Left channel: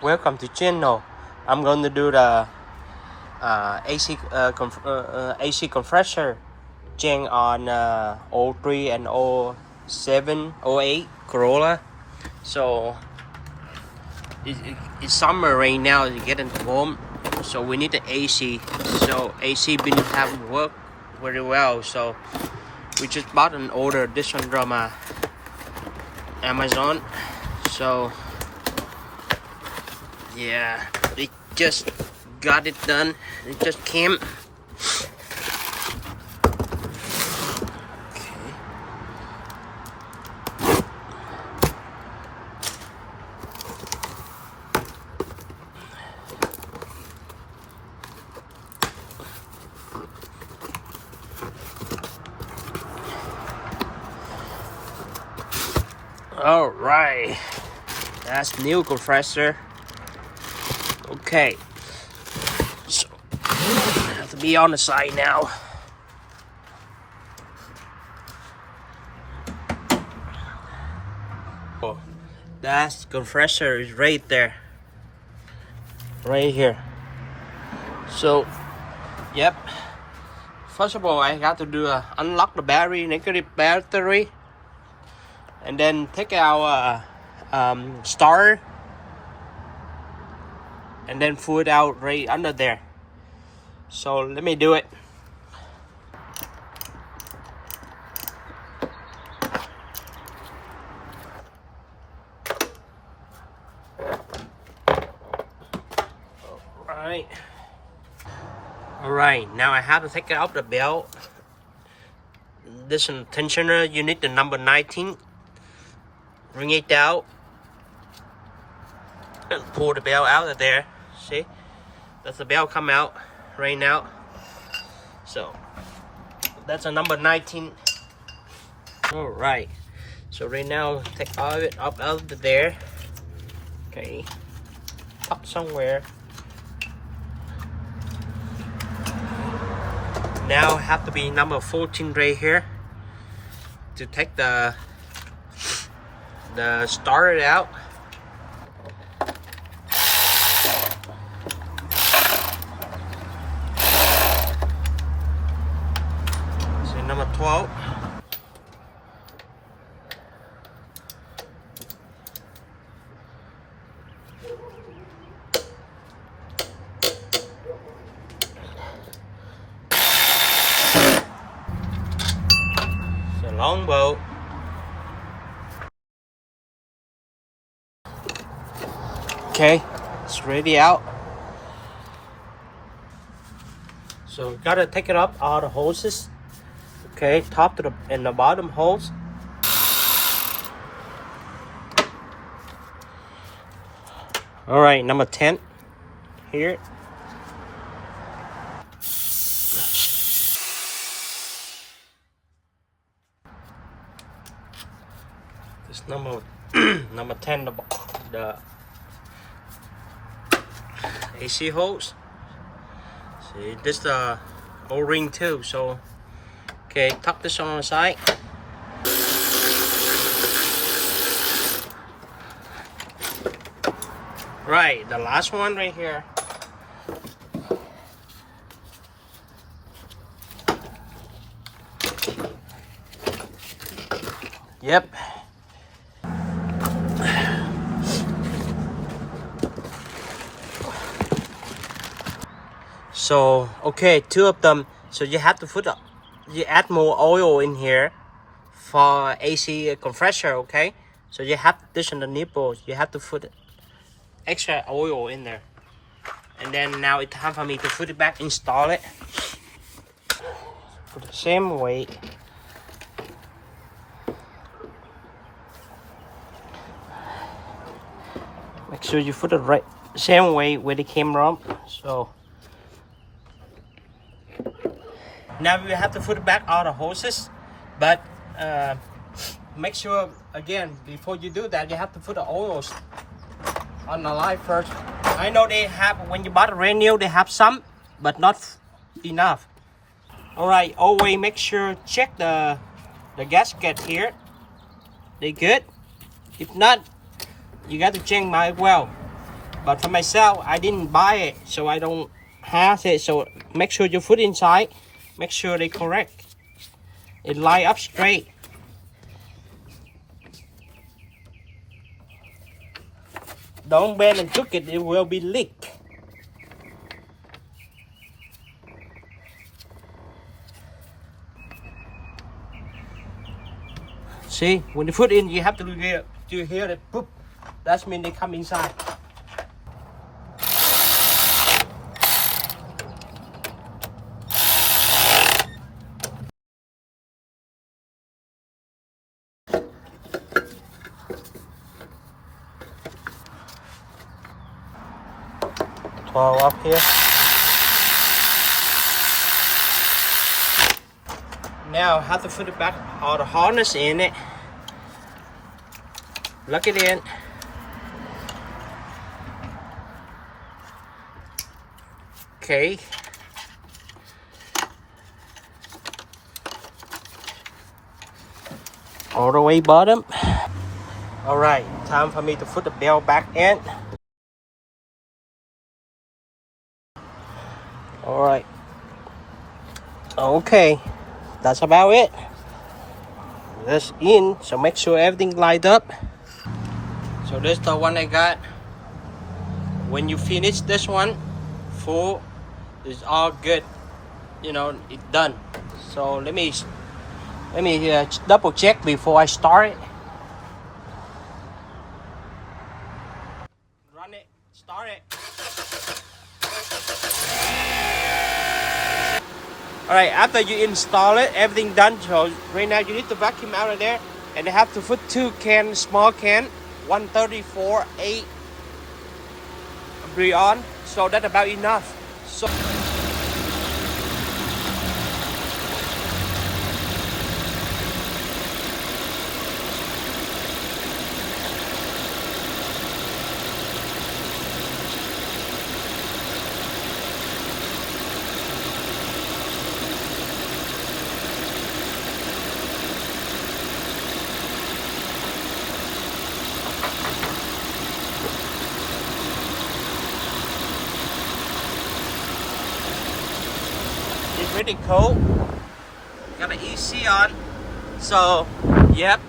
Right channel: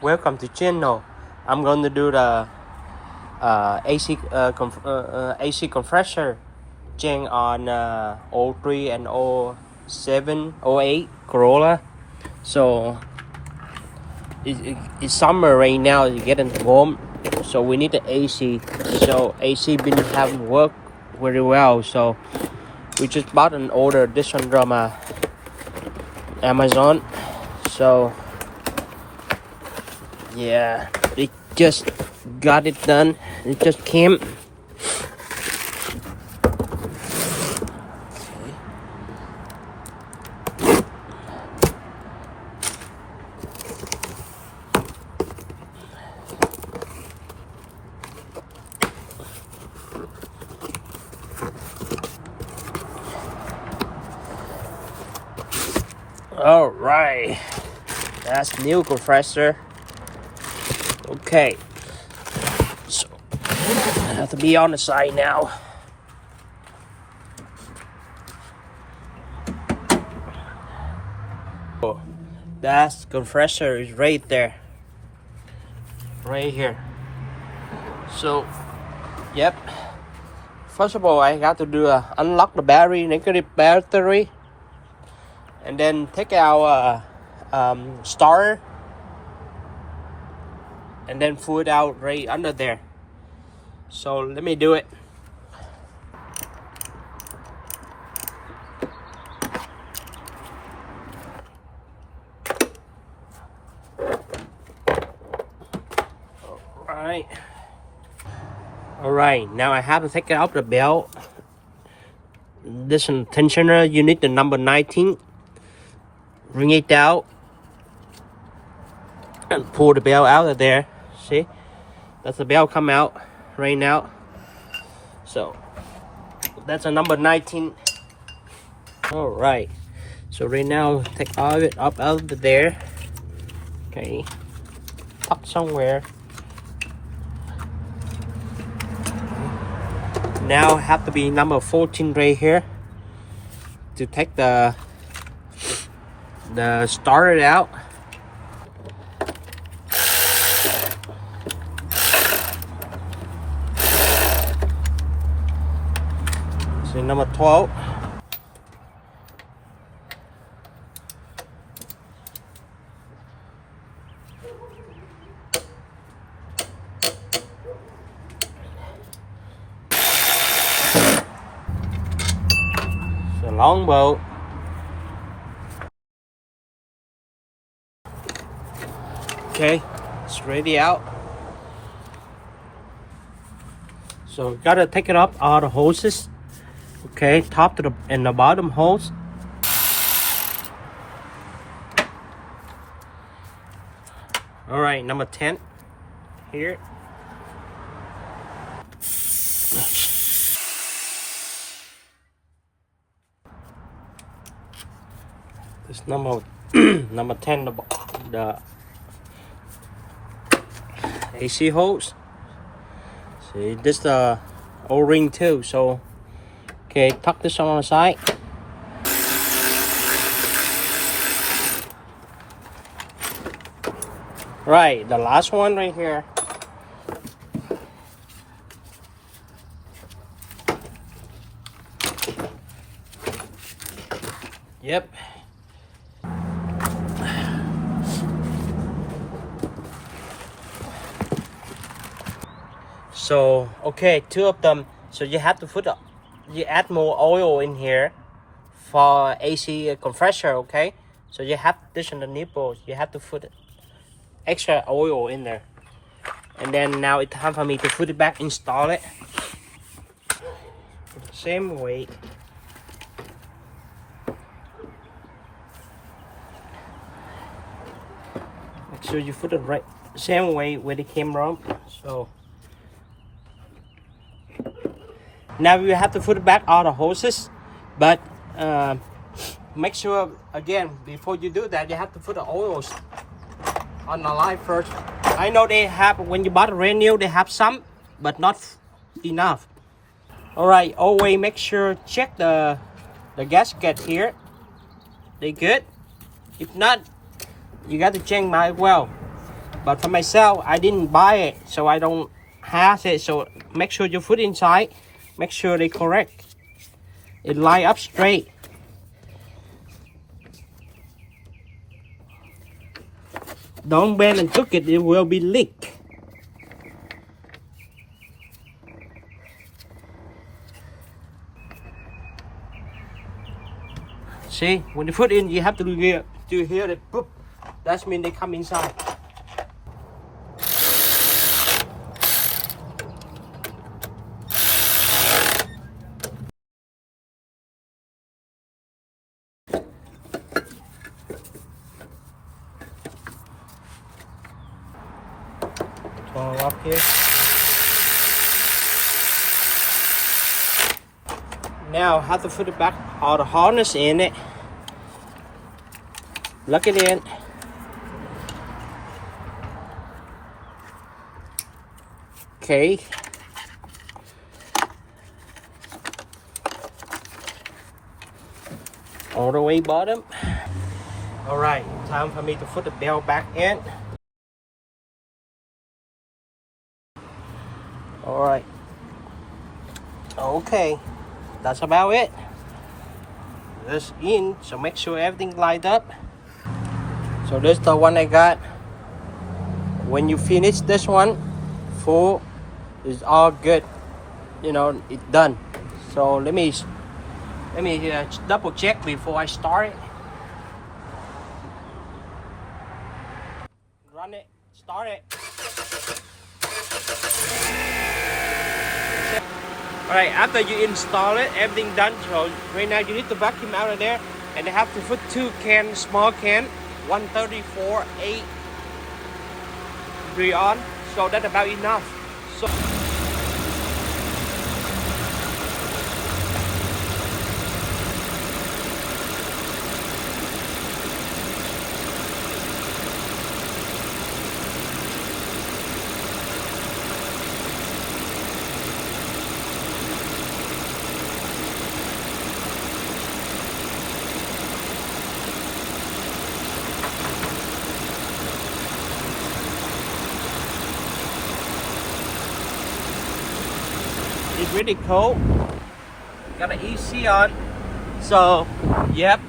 welcome to channel. I'm going to do the AC compressor change on 03 and 07, 08 Corolla. So it's summer right now, it's getting warm, so we need the AC. So AC been haven't worked very well, so we just bought and ordered this one from Amazon. So yeah, they just got it done. It just came. Okay. All right, that's new compressor. Okay, so I have to be on the side now. Oh, that compressor is right there, right here. So, yep. First of all, I got to do unlock the negative battery, and then take out starter, and then pull it out right under there. So let me do it. All right, now I have to take out the belt. This one tensioner, you need the number 19. Bring it out and pull the belt out of there. See, that's the belt come out right now. So that's a number 19. All right, so right now take all of it up out of there. Okay, up somewhere. Now have to be number 14 right here to take the starter out. So number 12. Long bolt. Okay, it's ready out. So gotta take it up all the hoses. Okay, top to the and the bottom hose. All right, number 10 here. It's number number 10, the AC hose. See, this the O-ring too. So okay, tuck this on the side. Right, the last one right here. Yep. So okay, two of them. So you have to you add more oil in here for AC compressor. Okay, so you have this on the nipple. You have to put extra oil in there, and then now it's time for me to put it back, install it. Put the same weight. Make sure you put it right same way where it came from. So now you have to put it back all the hoses, but make sure again before you do that you have to put the oils on the line first. I know they have, when you bought a brand new, they have some, but not enough. All right, always make sure check the gasket here. They good. If not, you got to change my well. But for myself, I didn't buy it, so I don't have it. So make sure you put inside. Make sure they correct. It line up straight. Don't bend and hook it, it will be leak. See, when you put in, you have to do hear the boop. That means they come inside. Twirl up here. Now I have to put it back, all the harness in it. Lock it in. Okay. All the way bottom. All right, time for me to put the bell back in. All right. Okay, that's about it. This in, so make sure everything lined up. So this is the one I got. When you finish this one, full is all good. You know, it's done. So let me double check before I start it. Run it, start it. Alright, after you install it, everything done. So right now you need to vacuum out of there, and they have to put 2 cans, small can, 134 8 Brion. So that's about enough. So it's really cold. Got an EC on. So, yep,